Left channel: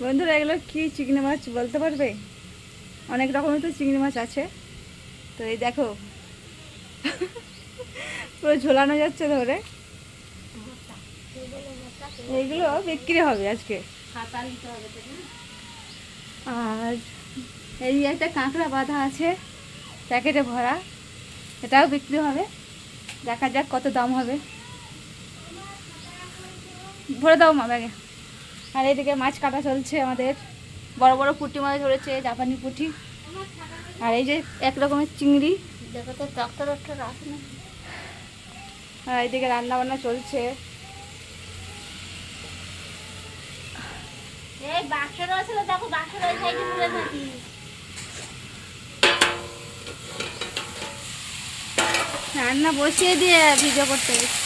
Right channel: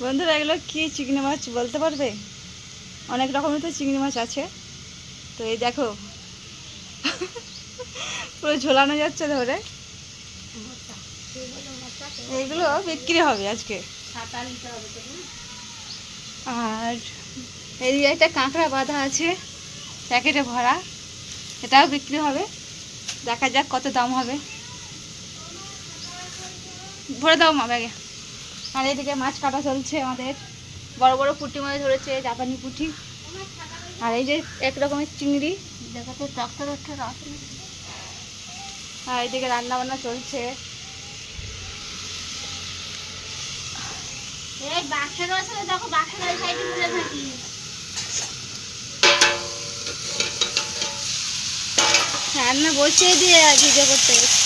বন্ধুরা এগুলো কি চিংড়ি মাছ বলতে পারবে? অনেক রকমের তো চিংড়ি মাছ আছে। তো এই দেখো পুরো ঝোলানো যাচ্ছে ধরে। এইগুলো বিক্রি হবে আজকে। আর এই একটা কাঁকড়া বাঁধা আছে প্যাকেটে ভরা, এটাও বিক্রি হবে। দেখা যাক কত দাম হবে। ভরে দাও মা ব্যাগে। আর এইদিকে মাছ কাটা চলছে আমাদের। বড় বড় পুঁটি মাছ ধরেছে, জাপানি পুঁটি। আর এই যে এক রকমের চিংড়ি। দেখো তো ডাক্তার ডাক্তার আসে না। আর এইদিকে রান্না বান্না চলছে। রান্না বসিয়ে দিয়ে ভিডিও করতে গেছি।